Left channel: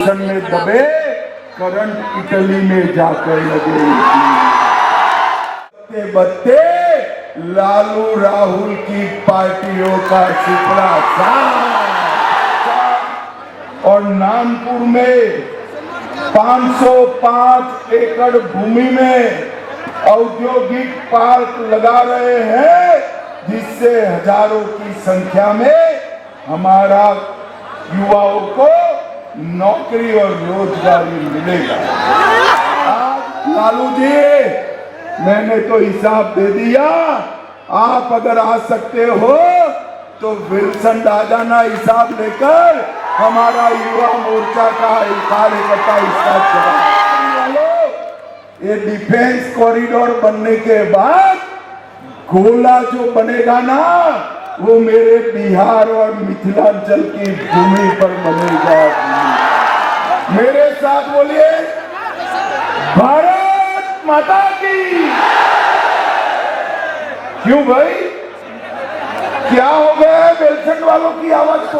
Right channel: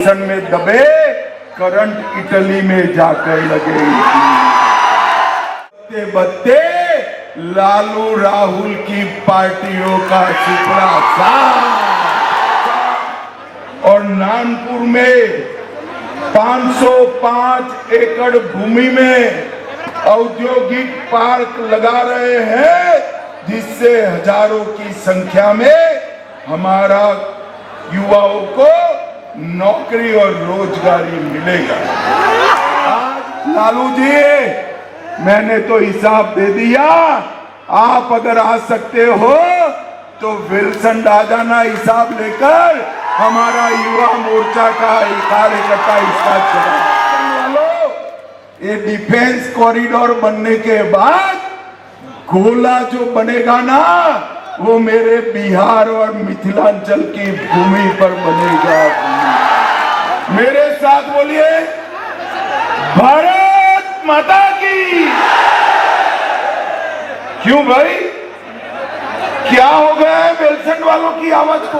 में दबे current Italy में जाकर लगे। बत्ते लालू राहुल की पार्टियों का सुपड़ा साफ। और नागपुर में 505 एकड़ भूमि में औद्योगिक पार्क लगा रहे हैं, जिससे हजारों की संख्या में हमारा युवाओं को नौकरी और रोजगारी मिलेगा। आज लालू जी, मैंने तो हिसाब दे दिया, आप अगर आ सकते हो तो विल्सन आ जाना हिसाब लेकर, हमारा युवा मोर्चा का कार्यकर्ता हिस्सा चला। ये डिफेंस कॉरिडोर बनने के बाद गोला जो बनेगा ना, वो मेरे बिहार और मिथिलांचल की भूमि पर बनेगा। मेरे साथ बोलिए, भारत माता की। क्यों भाई, क्या हो गया है विल्सन वालों की आवाज को?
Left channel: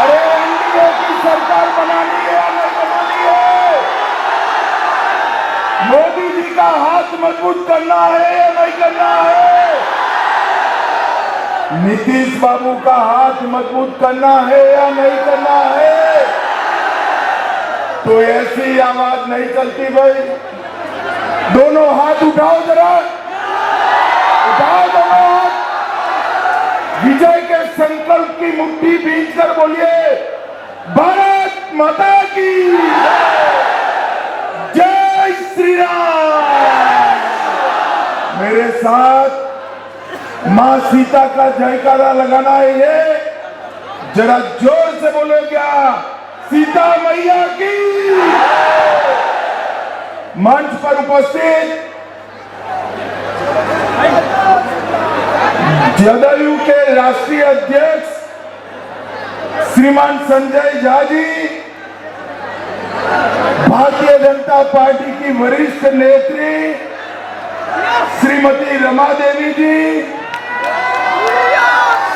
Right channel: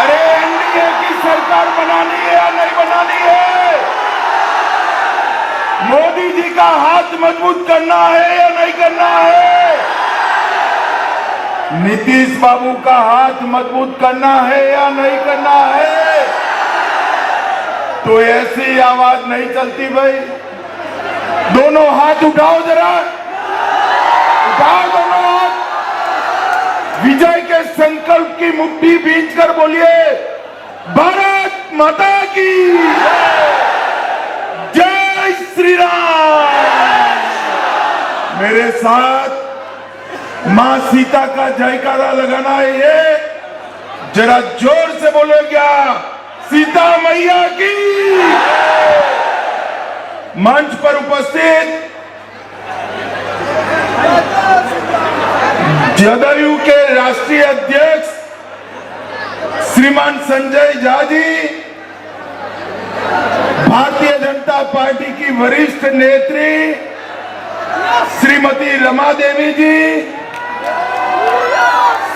अरे एनडीए की सरकार बनानी है, नहीं बनानी है? मोदी जी का हाथ मजबूत करना है या नहीं करना है? नीतीश बाबू का हाथ मजबूत करना है या नहीं करना है? तो ऐसी आवाज नहीं चलती भाई। दोनों हाथ उठाओ जरा, उठाओ दोनों हाथ। विजय के संकल्प की मुट्ठी भींच कर बोलिए, भारत माता की जय श्री राम। मेरे साथ मां सीता का जयकारा लगाना है, ये जरा जोर से बोलो, क्या सीता मैया की। मंच पर उपस्थित जदयू के राष्ट्रीय अध्यक्ष श्रीमान संजय झा जी, भारतीय जनता पार्टी की वरिष्ठ नेत्री श्रीमती रमा देवी जी,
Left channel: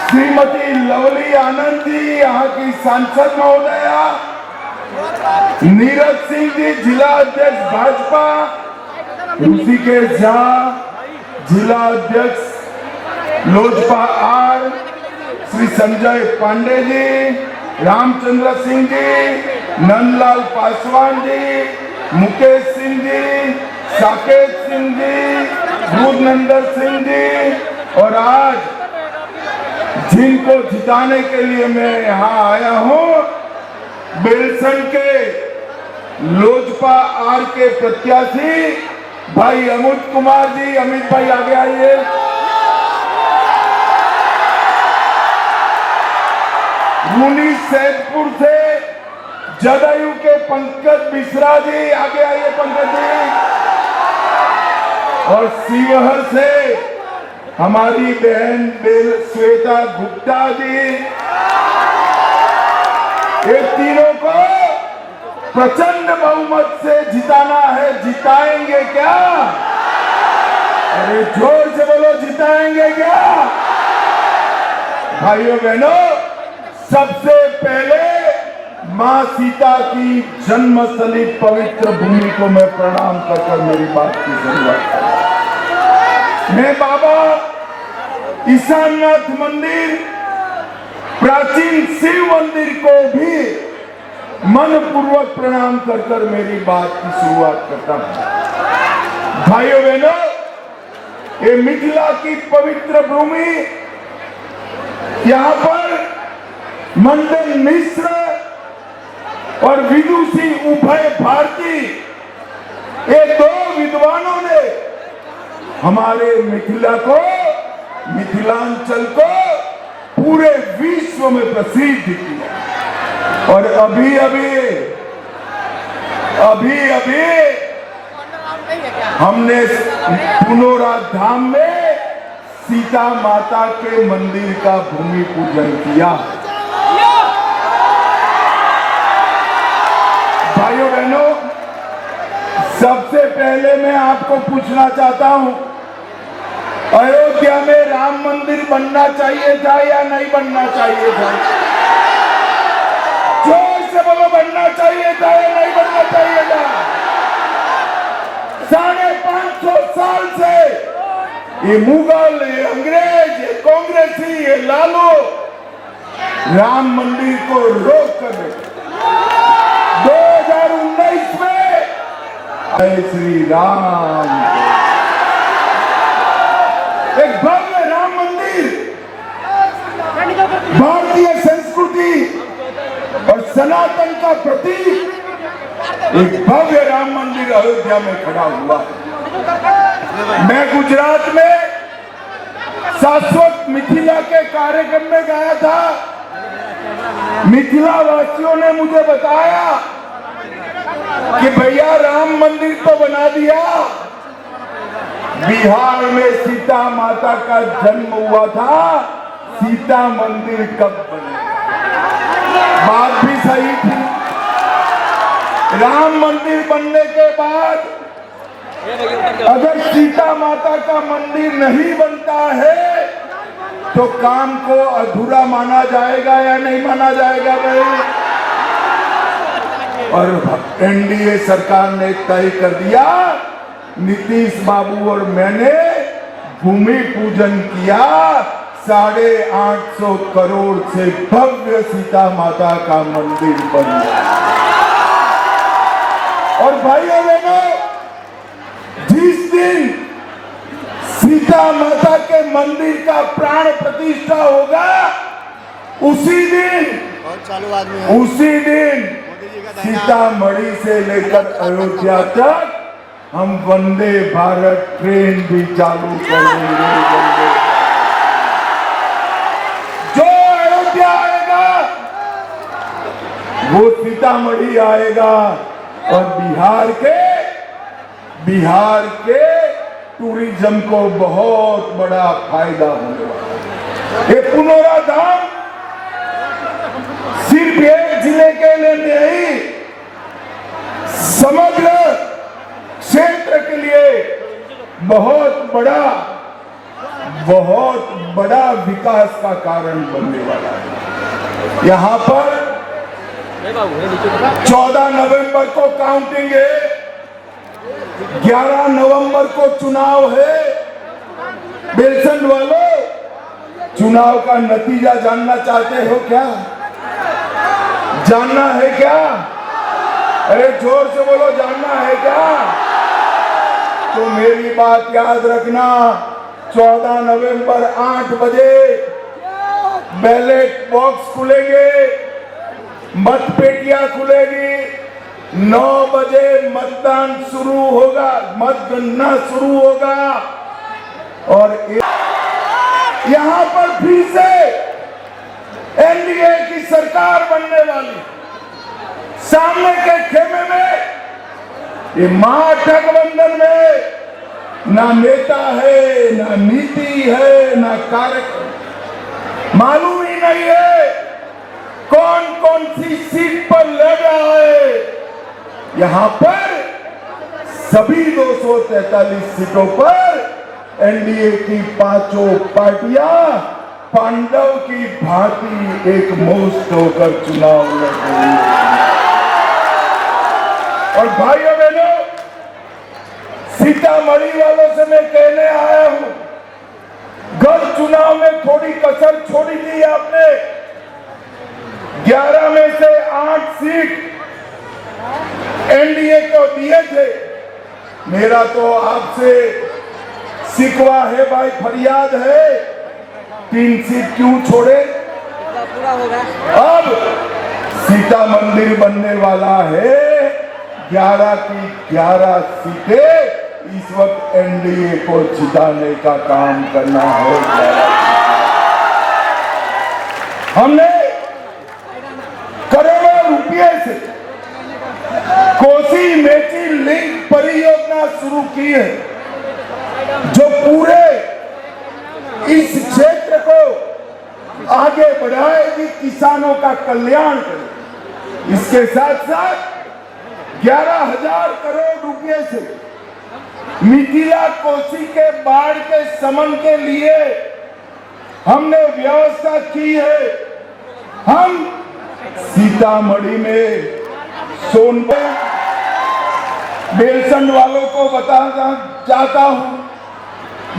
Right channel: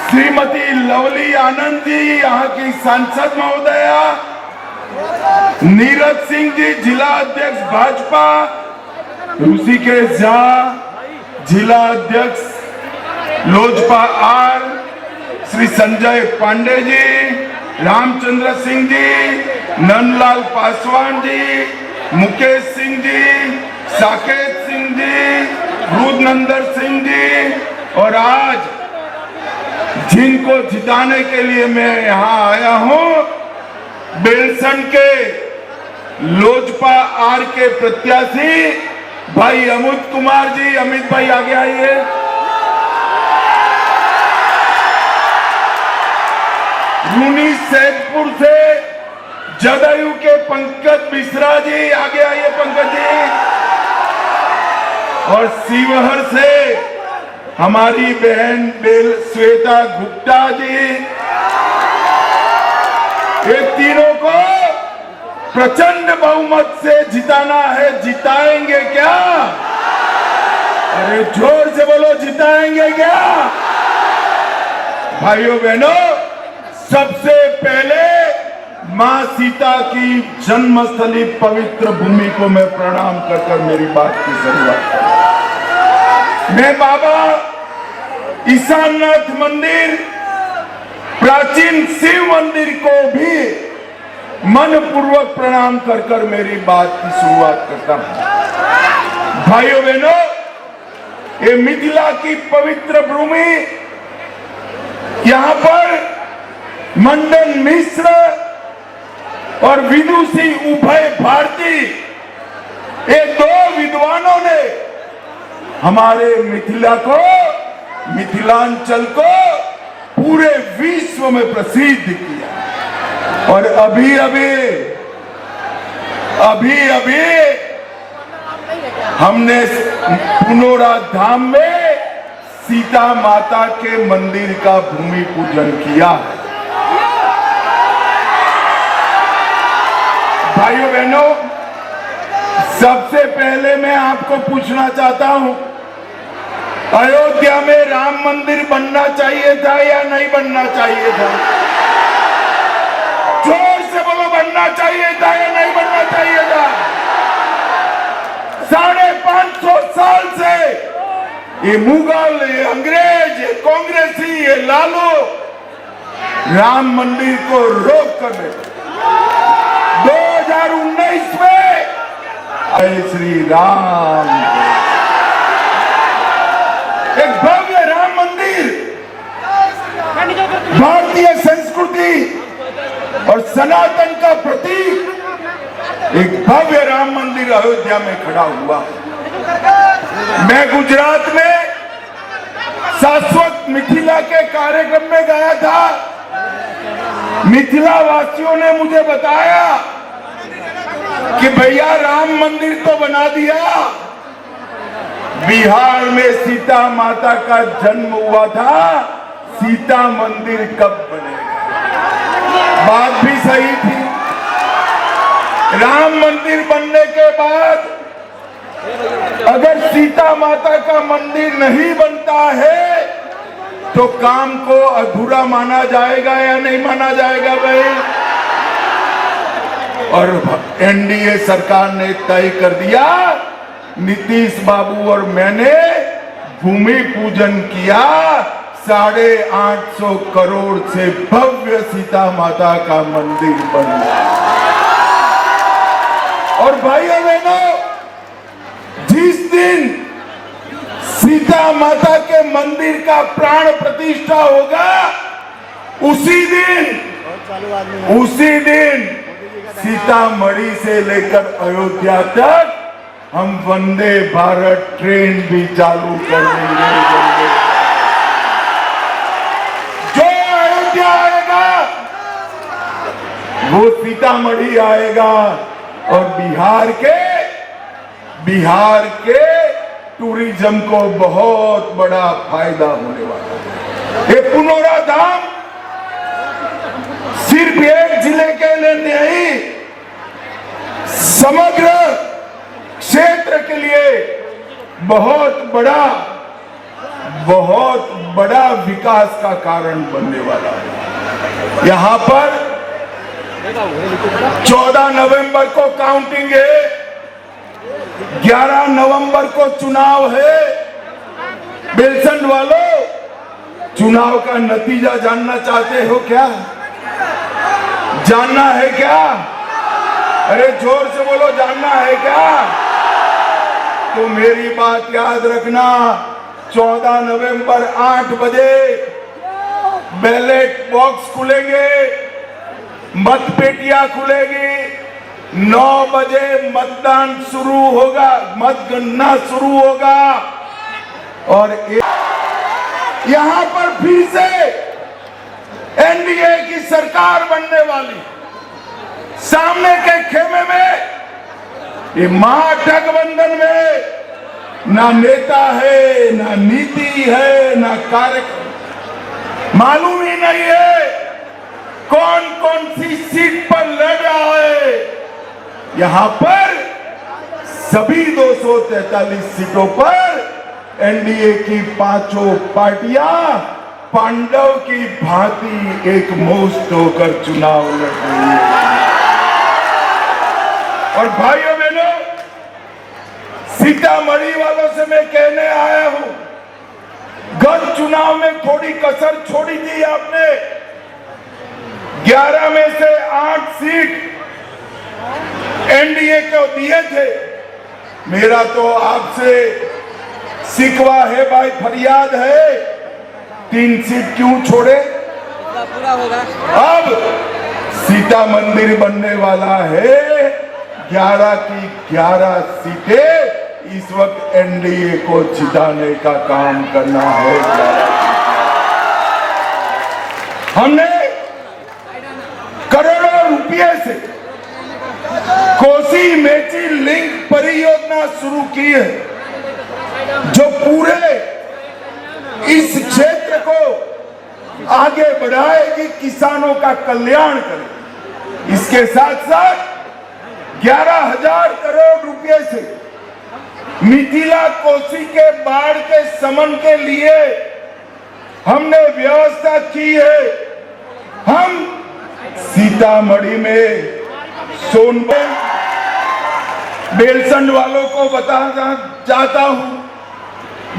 श्रीमती लवली आनंद जी, यहाँ की सांसद महोदया, नीरज सिंह जी जिला अध्यक्ष भाजपा, ऋषिकेश झा जिला अध्यक्ष लोजपा आर, श्री संजय पांडे जी, रामचंद्र सिंह जी, नंदलाल पासवान जी, मुकेश सिंह जी, साकेत सिंह जी, रूपनंदन सिंह जी, और आज जिनको जिताने के लिए मैं यहाँ आया हूँ, विल्सन के लोजपा आर के प्रत्याशी भाई अमित कुमार जी। अमित भाई आगे आइए। रूनी सैदपुर से जदयू के पंकज मिश्रा जी, आगे आइए पंकज जी। और शिवहर से हमारी बहन श्वेता गुप्ता जी। ये तीनों को प्रचंड बहुमत से जिताना है। जिताएंगे क्या? अरे जोर से बोलो, जिताएंगे क्या? भाइयों बहनों, सबसे पहले मां सीता की जन्मस्थली पवित्र भूमि को मैं प्रणाम कर मेरी बात की शुरुआत करूं। मैं बाबा ईशाननाथ मंदिर, प्राचीन शिव मंदिर को भी मनपूर्वक प्रणाम कर मेरी बात की शुरुआत करता हूं। भाइयों बहनों, ये मिथिला की पवित्र भूमि, यहां पर मंडन मिश्र और विदुषी उभय भारती, ये दो विद्वानों ने हमारे मिथिला को, मिथिलांचल को पूरे विश्व में प्रसिद्ध किया। और अभी हमने पुनौरा धाम में सीता माता के मंदिर का भूमि पूजन किया। भाइयों बहनों, सबसे पहले मैं आपको पूछना चाहता हूं, अयोध्या में राम मंदिर बनना चाहिए था या नहीं बनना चाहिए था? चाहिए था या नहीं बनना चाहिए था? 550 साल से ये मुगल, ये अंग्रेज, ये कांग्रेसी, ये लालू राम मंदिर को रोक कर देते। 2019 में जय श्री राम, एक भव्य राम मंदिर भारतीय संस्कृति और सनातन का प्रतीक, एक भव्य राम मंदिर अयोध्या में खड़ा हुआ। मैं गुजरात में शाश्वत मिथिला के कार्यक्रम में गया था। मिथिला वासियों ने मुझे बताया कि भैया राम मंदिर तो बना दिया, बिहार में सीता माता का जन्म हुआ था, सीता मंदिर कब बने? बात भी सही थी। राम मंदिर बनने के बाद अगर सीता माता का मंदिर नहीं बनता है तो काम को अधूरा माना जाएगा या नहीं माना जाएगा भाई? और एनडीए सरकार ने तय कर दिया, नीतीश बाबू और मैंने भूमि पूजन किया, 850 करोड़ से भव्य सीता माता का मंदिर बन गया। और भाइयों बहनों, जिस दिन सीता माता के मंदिर का प्राण प्रतिष्ठा होगा उसी दिन सीतामढ़ी से लेकर अयोध्या तक हम वंदे भारत ट्रेन भी चालू कर देंगे। जो अयोध्या आएगा वो सीतामढ़ी आएगा और बिहार के टूरिज्म को बहुत बड़ा फायदा होने वाला है। ये पुनौरा धाम सिर्फ एक जिले के लिए नहीं, समग्र क्षेत्र के लिए बहुत बड़ा विकास का कारण बनने वाला है। यहाँ पर 14 नवंबर को काउंटिंग है, 11 नवंबर को चुनाव है। बेलसंड वालों, चुनाव का नतीजा जानना चाहते हो क्या? जानना है क्या? अरे जोर से बोलो, जानना है क्या? तो मेरी बात याद रखना, 14 नवंबर 8 बजे बैलेट बॉक्स खुलेंगे, मतपेटियां खुलेगी, 9 बजे मतदान शुरू होगा, मतगणना शुरू होगा। और यहां पर फिर से एनडीए की सरकार बनने वाली। सामने के खेमे में, ये महागठबंधन में ना नेता है, ना नीति है, ना कार्यक्रम, मालूम ही नहीं है कौन कौन सी सीट पर लड़ रहा है। यहां पर सभी 243 सीटों पर एनडीए की 5 पार्टियां पांडव की भांति एक मुश्त होकर चुनाव लड़ रही है। और भाइयों बहनों, सीतामढ़ी वालों से मैं कहने आया हूं, गत चुनाव में थोड़ी कसर छोड़ी थी आपने। 11 में से 8 सीट एनडीए को दिए थे। मेरा तो आपसे शिकवा है भाई, फरियाद है, 3 सीट क्यों छोड़े? पूरा होगा। अब सीता मंदिर बनने वाला है, 11 की 11 सीटें इस वक्त एनडीए को जिताने का काम करना है। हमने करोड़ों रुपए से कोसी मेची लिंक परियोजना शुरू की है, जो पूरे इस क्षेत्र को आगे बढ़ाएगी, किसानों का कल्याण करेगी। इसके साथ साथ 11,000 करोड़ रुपए से मिथिला कोसी के बाढ़ के शमन के लिए हमने व्यवस्था की है। हम सीतामढ़ी में सोनभद्र बेलसंड वालों को बताना चाहता हूं,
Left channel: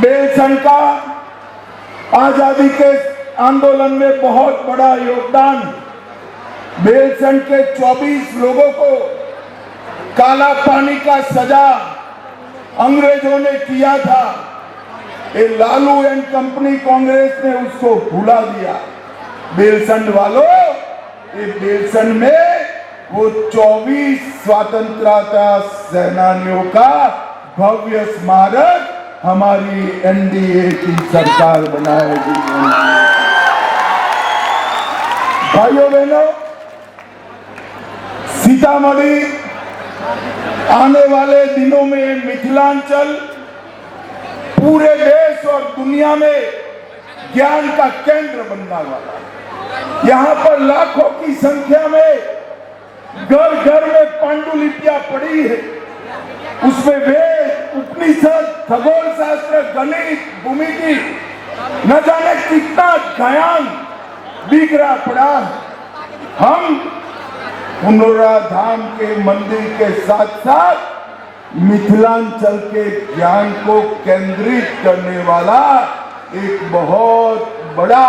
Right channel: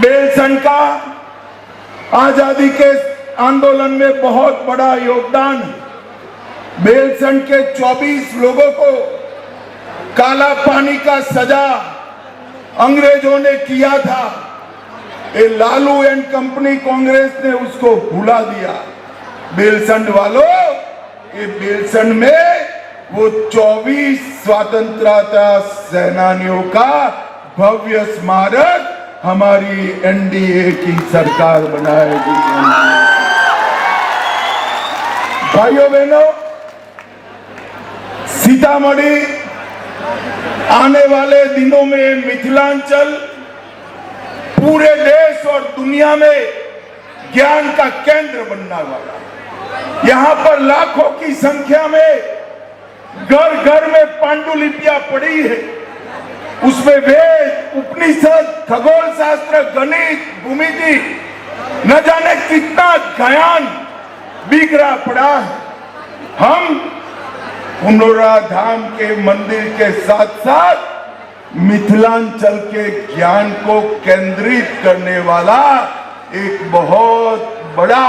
बेलसंड का आजादी के आंदोलन में बहुत बड़ा योगदान। बेलसंड के 24 लोगों को काला पानी का सजा अंग्रेजों ने किया था। ये लालू एंड कंपनी कांग्रेस ने उसको भुला दिया। बेलसंड वालों, ये बेलसंड में वो 24 स्वतंत्रता सेनानियों का भव्य स्मारक हमारी एनडीए की सरकार बनाएगी। भाइयों बहनों, सीतामढ़ी आने वाले दिनों में मिथिलांचल पूरे देश और दुनिया में ज्ञान का केंद्र बनने वाला। यहाँ पर लाखों की संख्या में घर घर में पांडुलिपियां पड़ी है। उसमें वेद, उपनिषद, खगोल शास्त्र, गणित, भूमिति, न जाने कितना ज्ञान बिखरा पड़ा है। हम पुनौरा धाम के मंदिर के साथ साथ मिथिलांचल के ज्ञान को केंद्रित करने वाला एक बहुत बड़ा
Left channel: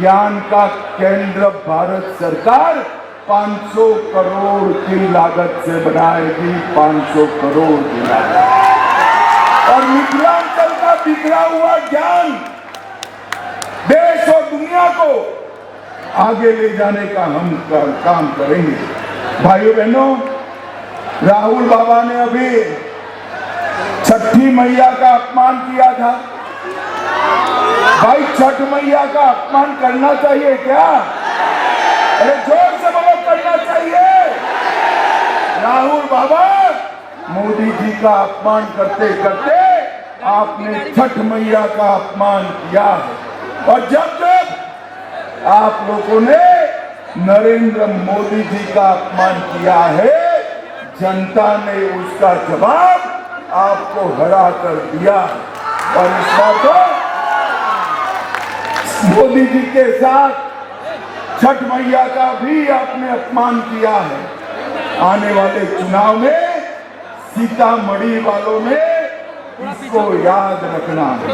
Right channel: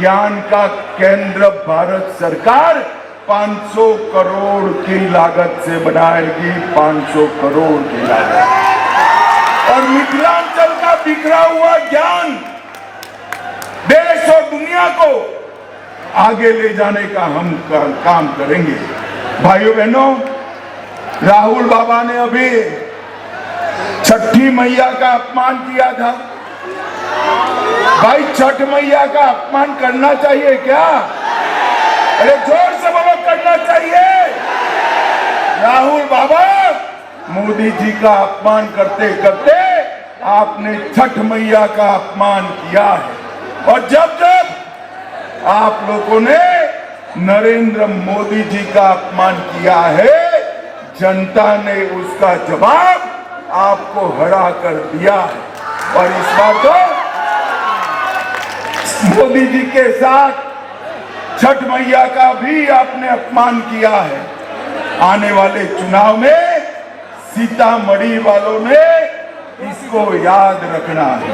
ज्ञान का केंद्र भारत सरकार 500 करोड़ की लागत से बनाएगी। 500 करोड़ की लागत। और मिथिलांचल का बिखरा हुआ ज्ञान देश और दुनिया को आगे ले जाने का हम काम करेंगे। भाइयों बहनों, राहुल बाबा ने अभी छठी मैया का अपमान किया था। भाई, छठ मैया का अपमान करना चाहिए क्या? अरे जोर से बोलो, करना चाहिए। राहुल बाबा, मोदी जी का अपमान करते करते आपने छठ मैया का अपमान किया है। और जब जब आप लोगों ने नरेंद्र मोदी जी का अपमान किया है, जनता ने उसका जवाब आपको हरा कर दिया। और इस बार तो मोदी जी के साथ छठ मैया का भी आपने अपमान किया है। आने वाले चुनाव में सीतामढ़ी वालों ने इसको याद रखना है।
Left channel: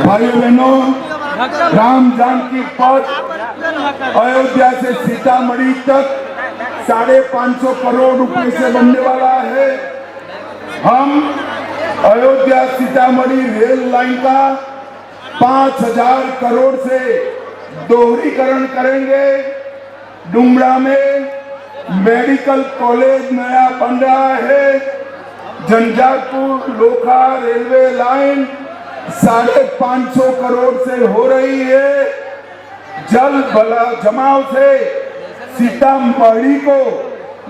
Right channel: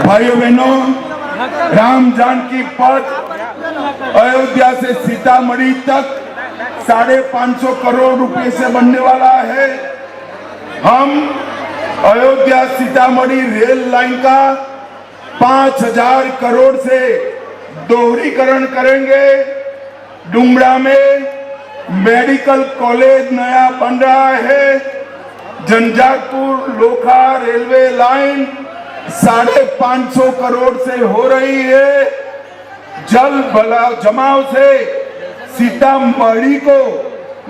भाइयों बहनों, राम जानकी पथ अयोध्या से सीतामढ़ी तक 550 करोड़ रुपए से बनने वाला है। हम अयोध्या सीतामढ़ी रेल लाइन का 5000 करोड़ से दोहरीकरण करेंगे। डुमरा में मेडिकल कॉलेज नया बन रहा है। झंझारपुर लोखा रेलवे लाइन 550 करोड़ से हो रही है। जल जमाव से सीतामढ़ी को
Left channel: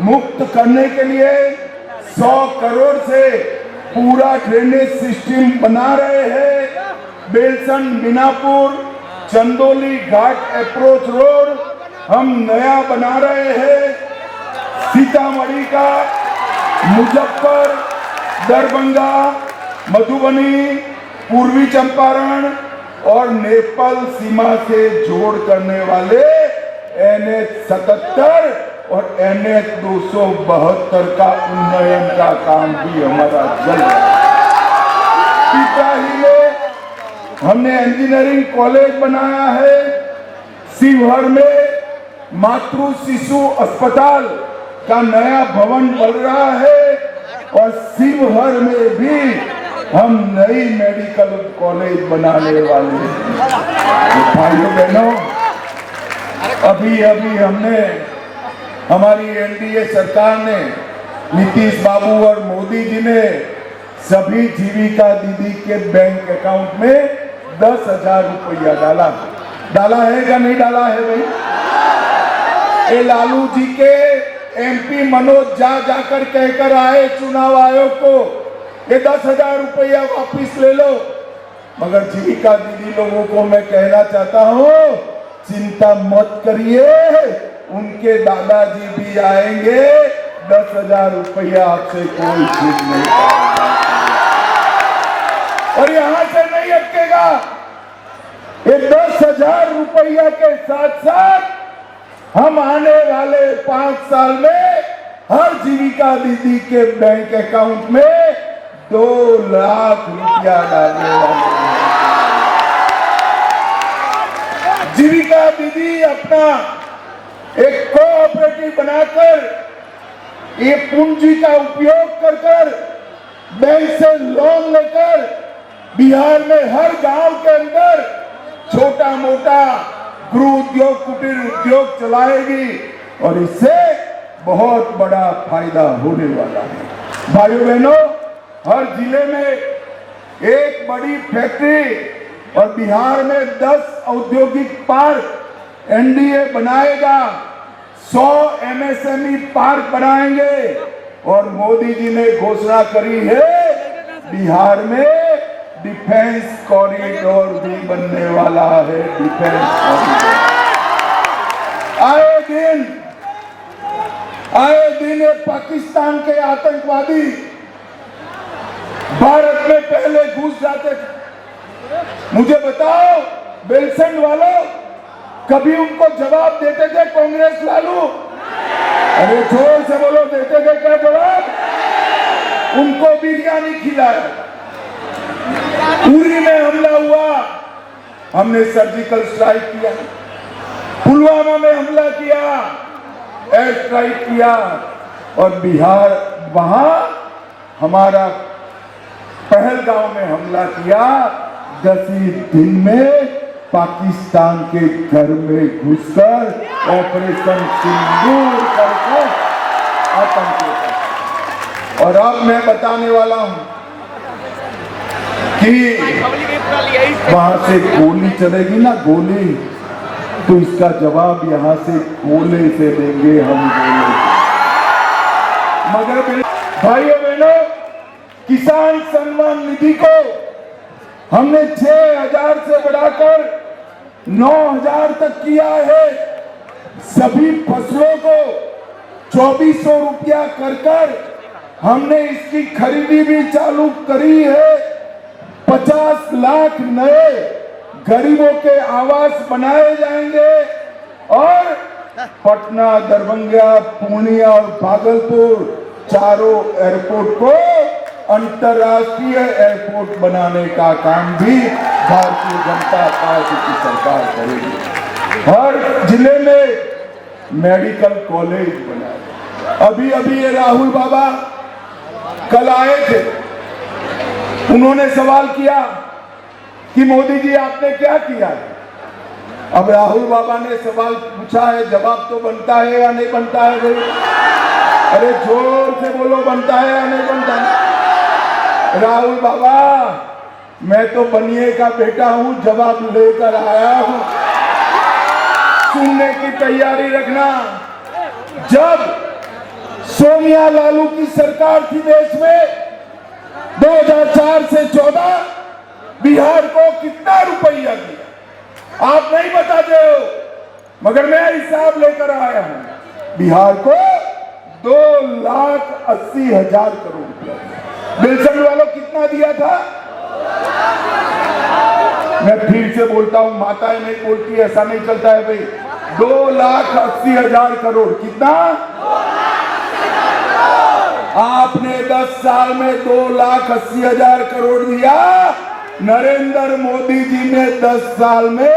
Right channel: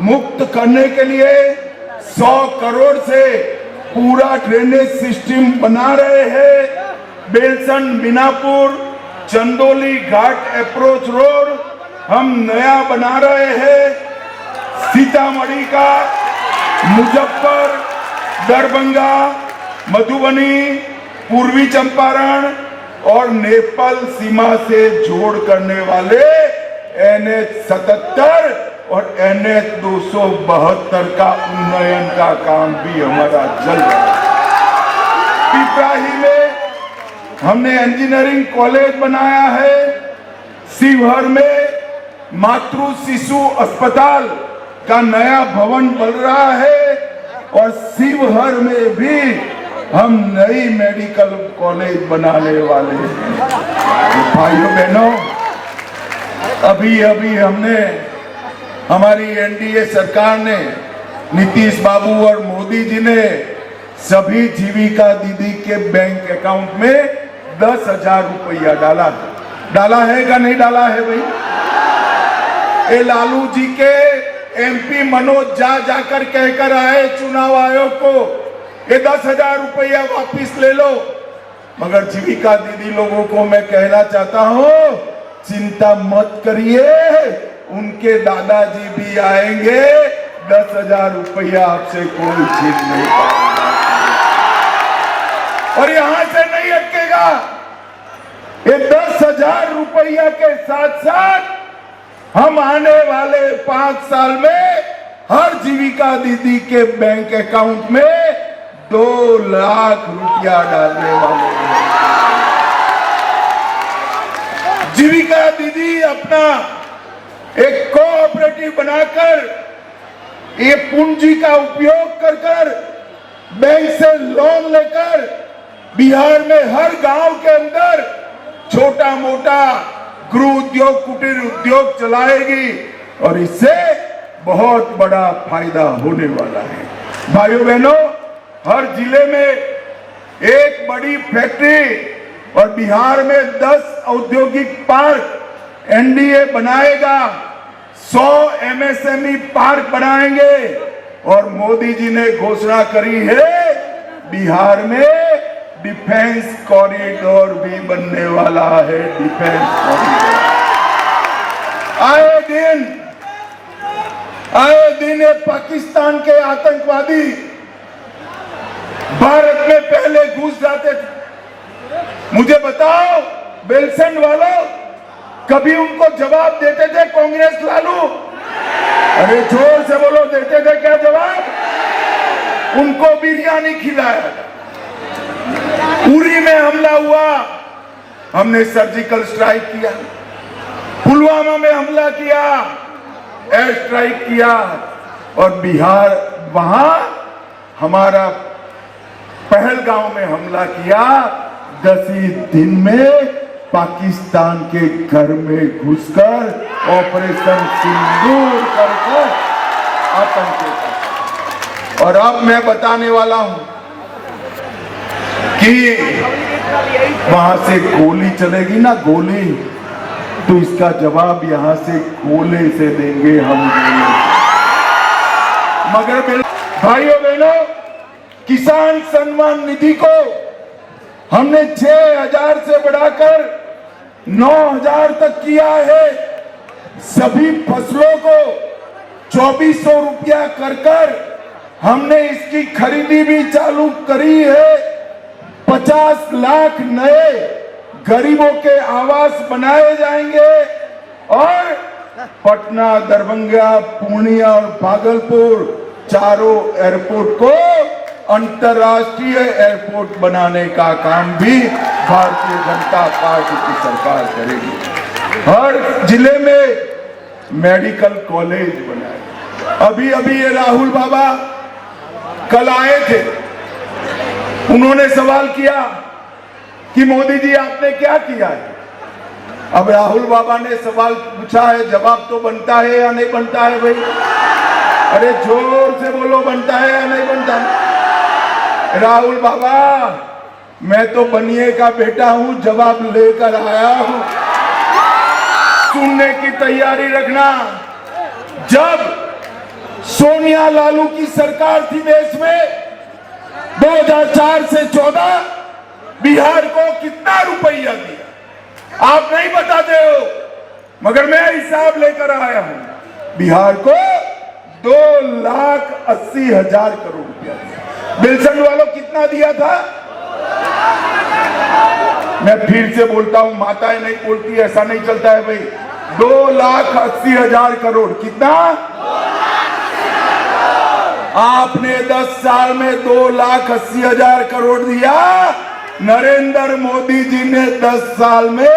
मुक्त करने के लिए 100 करोड़ से पूरा ड्रेनेज सिस्टम बना रहे हैं। बेलसंड मीनापुर चंदोली घाट अप्रोच रोड हम नया बना रहे हैं। सीतामढ़ी का मुजफ्फर, दरभंगा, मधुबनी, पूर्वी चंपारण और नेपाल सीमा से जोड़ करने वाले NH 77 और NH 272 का उन्नयन का काम भी हमारा चल रहा है। पिपराही में हमने इंजीनियरिंग कॉलेज बनाया है। शिवहर में मातृ शिशु अस्पताल का नया भवन बन रहा है। और शिवहर में भी हम नई मेडिकल कॉलेज बनाने वाले हैं। भाइयों बहनों, अभी हमने हमारी एनडीए सरकार ने, नीतीश बाबू और मोदी जी ने सभी जीविका दीदी के बैंक अकाउंट में 10,000 रुपया डाला है क्या नहीं डाला है भाई? ये लालू जी के एमपी मनोज जाकर कहकर आए चुनाव आयोग को, ये 10,000 रुपया वापिस ले लो। मगर जीविका दीदी लोगों को मैं कहना चाहता हूँ, चिंता मत करिए, उनके दादाजी भी आएंगे, 10,000 रुपया आपसे कोई छीन नहीं पाएगा। और यहां से नहीं अटकेगा। ये 10,000 रुपया के साथ साथ हम आने वाले 5 साल में हर जीविका दीदी के बैंक अकाउंट में 2 लाख रुपया डालने वाले हैं। जीविका दीदी अपना एक कोऑपरेटिव बनाकर ये पूंजी का उपयोग कर बैंक से लोन लेकर बिहार में हर गांव के अंदर छोटा मोटा गृह उद्योग कुटीर उद्योग चलाएगी और इससे बहुत बड़ा फायदा होने वाला है। भाइयों बहनों, हर जिले में एक बड़ी फैक्ट्री और बिहार में 10 औद्योगिक पार्क एनडीए बनाएगा, 100 एमएसएमई पार्क बनाएंगे और मोदी जी ने घोषणा करी है बिहार में डिफेंस कॉरिडोर भी बनने वाला है। डिफेंस कॉरिडोर आए दिन ये पाकिस्तान के आतंकवादी भारत में पहले घुस जाते थे। मुझे बताओ बेलसंड वालों, कभी उनको जवाब देते थे कांग्रेस लालू? अरे जोर से बोलो, देते थे क्या जवाब? उनको बिरयानी खिलाया। उरी में हमला हुआ, हमने सर्जिकल स्ट्राइक किया। पुलवामा में हमला किया, एयर स्ट्राइक किया और बिहार वहां हमारा पहलगांव में हमला किया। 10 ही दिन में पाकिस्तान के घर में घुसकर ऑपरेशन सिंदूर करके आतंक। और अब मैं बताने वाला हूं कि वहां से गोली चलेगी ना, गोली, तो इसका जवाब यहां से गोले से देंगे हम। मगर भाइयों बहनों, किसान सम्मान निधि को हमने 6,000 से बढ़ाकर 9,000 तक किया है। सभी फसलों को 2,400 रुपया कर हमने इसकी खरीदी भी चालू करी है। 50 लाख नए गरीबों के आवास बनाए जाएंगे और पटना, दरभंगा, पूर्णिया और भागलपुर चारों एयरपोर्ट को अंतर्राष्ट्रीय एयरपोर्ट बनाने का काम भी भारतीय जनता पार्टी की सरकार करेगी। हर जिले में मेडिकल कॉलेज बनाए। अभी ये राहुल बाबा कल आए थे, उन्होंने सवाल किया कि मोदी जी आपने क्या किया? अब राहुल बाबा ने सवाल पूछा है, जवाब तो बनता है या नहीं बनता है भाई? अरे जोर से बोलो, बनता है या नहीं बनता है? राहुल बाबा, मैं तो बनिए का बेटा हूं, जवाब लेकर आया हूं, सुनने की तैयारी रखना। जब सोनिया लालू की सरकार थी देश में, 2004 से 14 बिहार को कितना रुपया दिया आप नहीं बताते हो, मगर मैं हिसाब लेकर आया हूं। बिहार को 2,80,000 करोड़ रुपया दिया। बेलसंड वालों कितना दिया था? मैं फिर से बोलता हूं, माताएं नहीं बोलती, ऐसा नहीं चलता है भाई। 2,80,000 करोड़। कितना? आपने 10 साल में 2,80,000 करोड़ दिया। नरेंद्र मोदी जी ने 10 साल में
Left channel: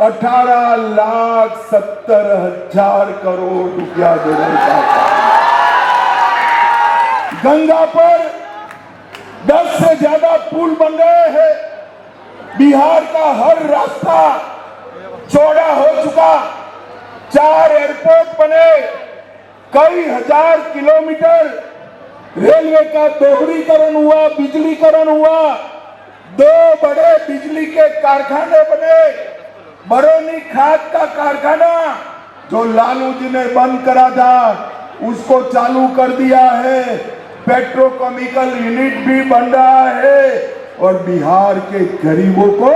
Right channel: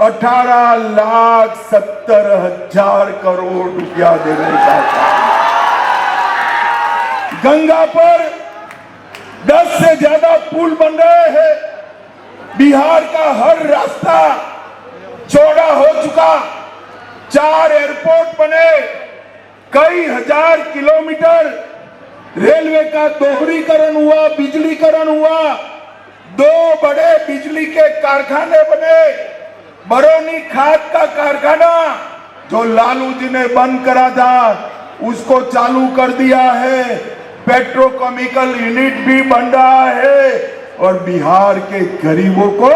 18,70,000 करोड़ रुपया देने का था। गंगा पर 10 से ज्यादा पुल बन रहे हैं। बिहार का हर रास्ता चौड़ा हो चुका। 4 एयरपोर्ट बने, कई हजार किलोमीटर रेलवे का दोहरीकरण हुआ, बिजलीकरण हुआ। 2 बड़े बिजली के कारखाने बने। बरौनी खाद का कारखाना जो लालू जी ने बंद करा था, उसको चालू कर दिया है। पेट्रोकेमिकल यूनिट भी बन रहा है और बिहार के गरीबों को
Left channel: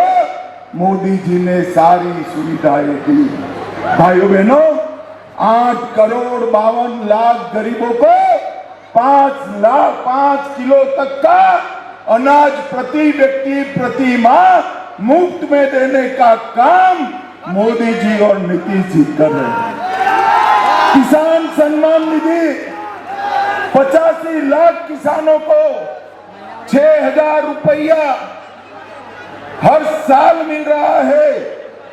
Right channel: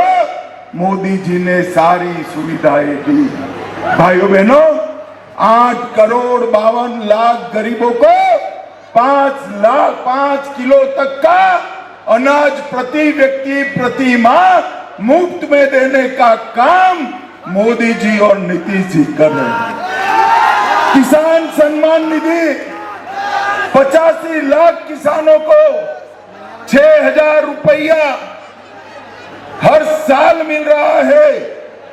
मोदी जी ने सारी सुविधाएं दी। भाइयों बहनों, 8 करोड़ 52 लाख गरीबों को 5 किलो तक का अनाज प्रति व्यक्ति प्रति माह मुफ्त में देने का काम मोदी जी और नीतीश जी कर रहे हैं। किसान सम्मान निधि 85 लाख किसानों को 6,000 रुपया हर साल मिल रहा है।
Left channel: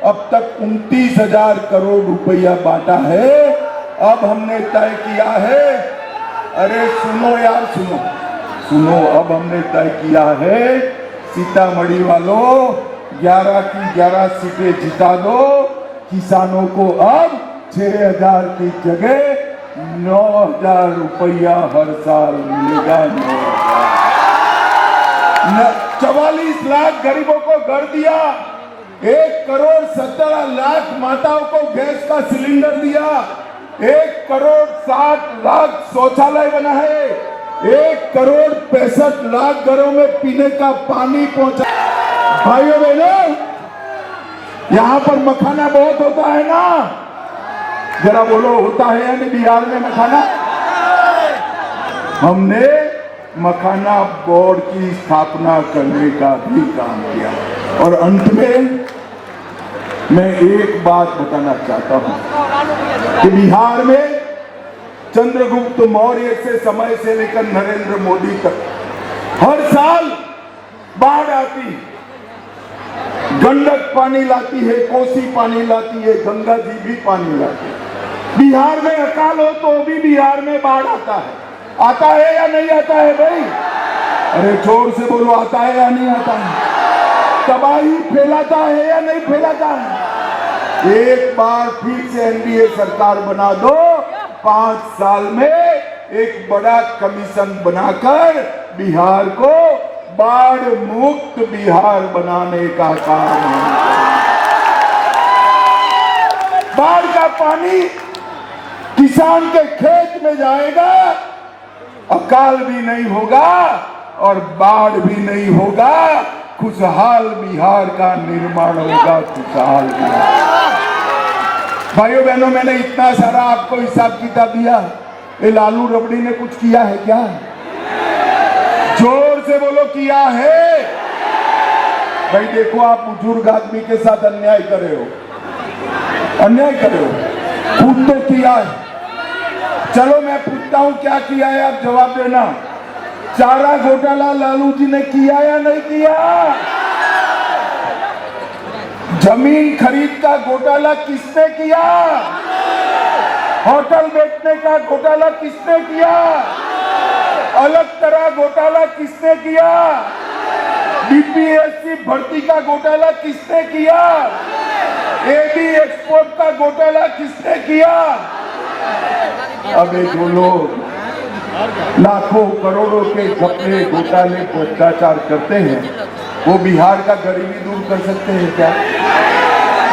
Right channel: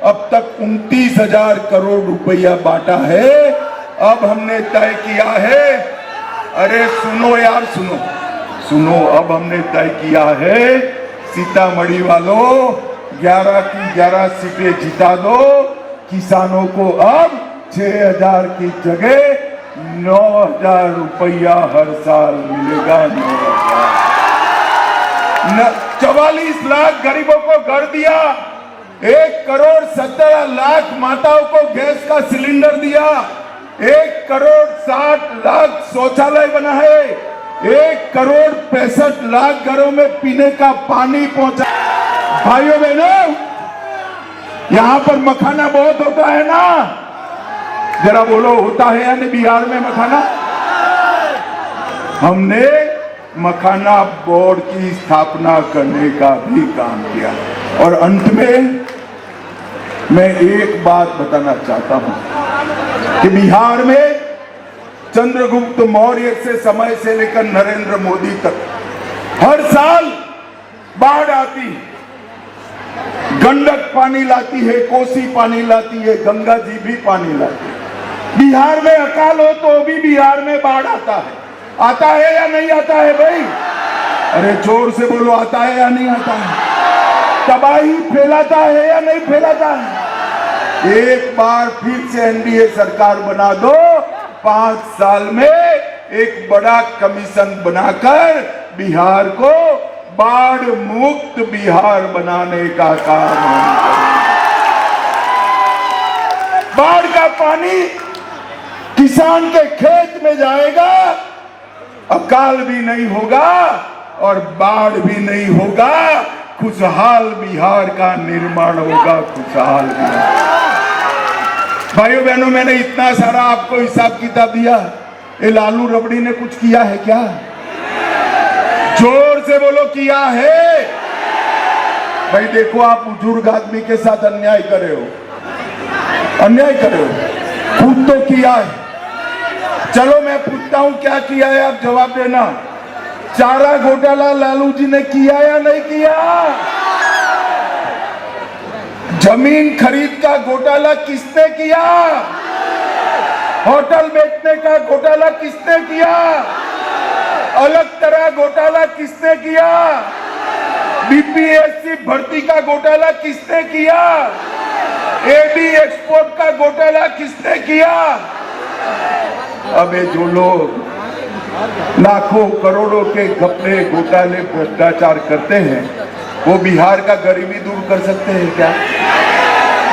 अब तक 29,000 करोड़ रुपया बांटा है। अब हमने तय किया है, अरे सुनो यार, सुनो, अब हमने तय किया है, सीतामढ़ी वालों 11 की 11 सीटें जिता दो, किसानों को अब 6,000 की जगह 9,000 रुपया हर साल मिलेगा। 44 लाख गरीबों को घर दिया, 1 करोड़ 17 लाख माताओं को गैस का सिलेंडर दिया, 1 करोड़ 60 लाख शौचालय बना है, 1 करोड़ 65 लाख घरों में पीने का पानी पहुंचा। भाइयों बहनों, यहाँ पर मखाना बहुत होता है ना, जरा बोलो होता है या नहीं बिहार में मखाना? हमने मखाना बोर्ड की स्थापना करने का भी काम किया। और अंत में मैं एक बात बताना चाहता हूं कि बिहार में चंद्रगुप्त मौर्य से समय से लेकर नरेंद्र मोदी तक हर साल बाढ़ आती है। गंडक पानी लाती है, कोसी पानी लाती है, गंगा जी भी पानी लाती है। बिहार में अकाल हो तो भी बिहार में बाढ़ आता है या नहीं आता है भाई? अरे जोर से बोलो, आता है या नहीं आता है? तबाही फैलाता है या नहीं फैलाता है? एक बार फिर से एनडीए सरकार बना दो, 5 साल में एक बड़ा कमीशन बनाकर बिहार को बाढ़ मुक्त बिहार बनाने का काम है। बाढ़ का पानी किसान के खेत में जाएगा, अकाल भी नहीं होगा और बाढ़ भी नहीं होगा, खुशहाल बिहार का निर्माण होगा। खुशहाल बिहार। भाइयों बहनों, मैंने इतना सारा आपको हिसाब किताब दिया, ये लालू रबड़ी ने कुछ किया है क्या? जोर से बोलो, किया है? भाई देखो, आप बुजुर्ग आदमी के साथ अन्याय कर रहे हो, अन्याय कर रहे हो। खुद तो किया है। चलो मैं पूछता हूं, क्या किया है? आप जवाब देना। चारा घोटाला लालू जी ने किया या नहीं किया? जमीन खरीद का घोटाला किसने किया? होटल बेचने का घोटाला किसने किया? अलग तरह घोटाला किसने किया? बीपीएससी भर्ती का घोटाला किसने किया? एबी एक्सपोर्ट का घोटाला किसने किया? अबे जो लोग लाखों करोड़ों के घपले घोटाले भ्रष्टाचार करते हैं, वो बिहार का गरीबी दूर कर सकते हैं क्या?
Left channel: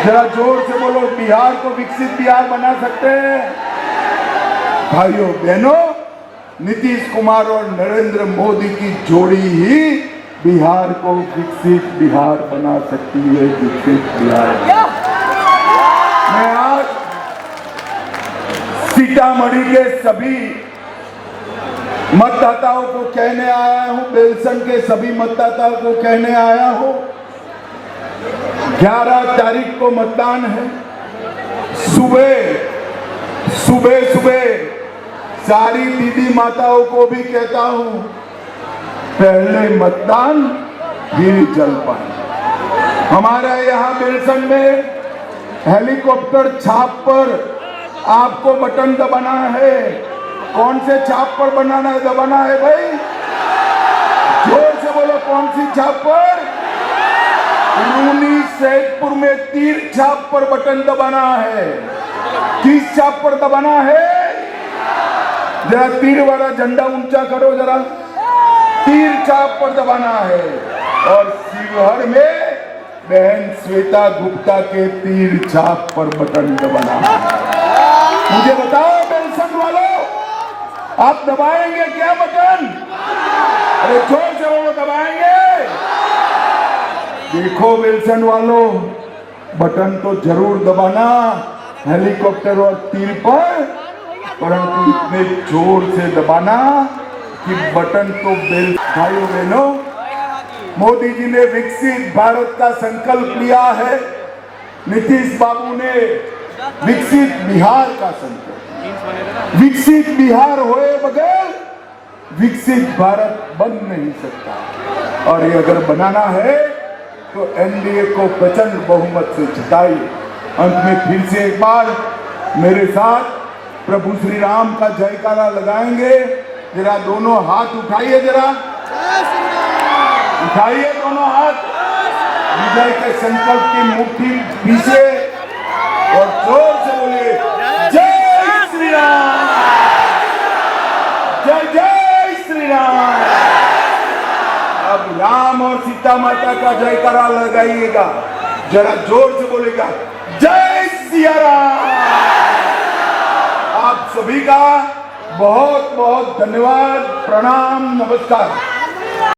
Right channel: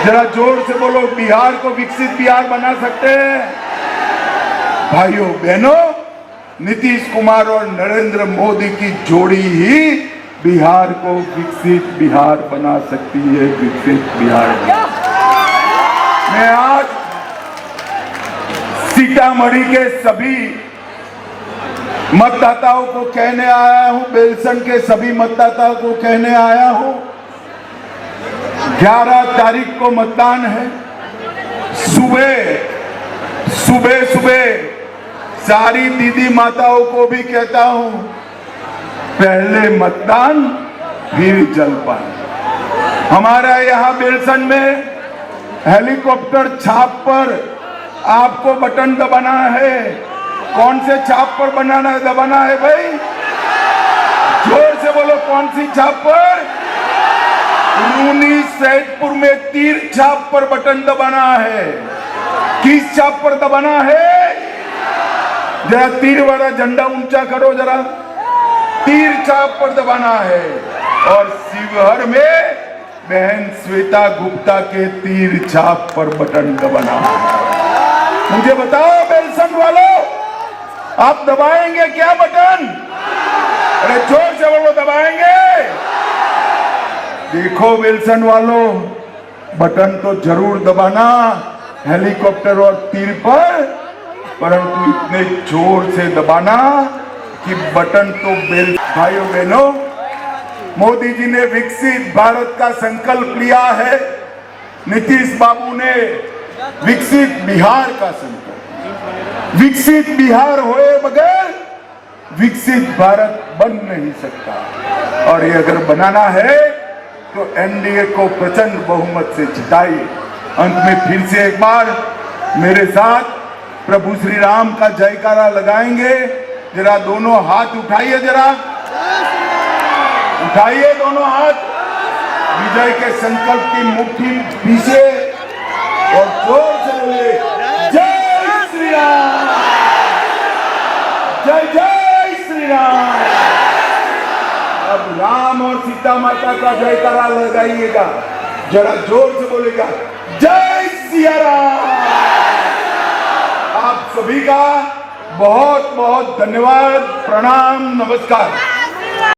जरा जोर से बोलो, बिहार को विकसित बिहार बना सकते हैं? भाइयों बहनों, नीतीश कुमार और नरेंद्र मोदी की जोड़ी ही बिहार को विकसित बिहार बना सकती है। विकसित बिहार। मैं आज सीतामढ़ी के सभी मतदाताओं को कहने आया हूं, बेलसन के सभी मतदाताओं को कहने आया हूं, 11 तारीख को मतदान है। सुबह सारी दीदी माताओं को भी कहता हूं, पहले मतदान फिर जलपान। हमारा यहाँ बेलसन में हेलीकॉप्टर छाप पर आपको बटन दबाना है। कौन से छाप पर दबाना है भाई? जोर से बोलो, कौन सी छाप पर? रूनी सैदपुर में तीर छाप पर बटन दबाना है। किस छाप पर दबाना है? जरा तीर वाला झंडा ऊंचा करो, जरा। तीर छाप पर दबाना है। और शिवहर में बहन श्वेता गुप्ता के तीर छाप पर बटन दबाना है। मुझे बताओ बेलसन वालों, आप दबाएंगे क्या बटन? अरे जोर से बोलो, दबाएंगे? देखो बेलसन वालों, बटन तो जरूर दबाना हेलीकॉप्टर और तीर पर, परंतु इतने जोर से दबाना कि बटन तो भाइयों बहनों, मोदी जी ने विकसित भारत का संकल्प लिया है। नीतीश बाबू ने विकसित बिहार का संकल्प। विकसित बिहार होए बगैर विकसित भारत बन नहीं सकता। और ये अगर बनाना है तो एनडीए को प्रचंड बहुमत से जिताइए। अंत में फिर से एक बार मेरे साथ प्रभु श्री राम का जयकारा लगाएंगे। जरा दोनों हाथ उठाइए, जरा उठाइए दोनों हाथ, विजय के संकल्प की मुट्ठी पीछे और जोर से बोले जय श्री राम, जय जय श्री राम। अब राम और सीता माता का जयकारा लगाइएगा, जरा जोर से बोलेगा जय सिया राम। आप सभी का बहुत बहुत धन्यवाद, प्रणाम, नमस्कार।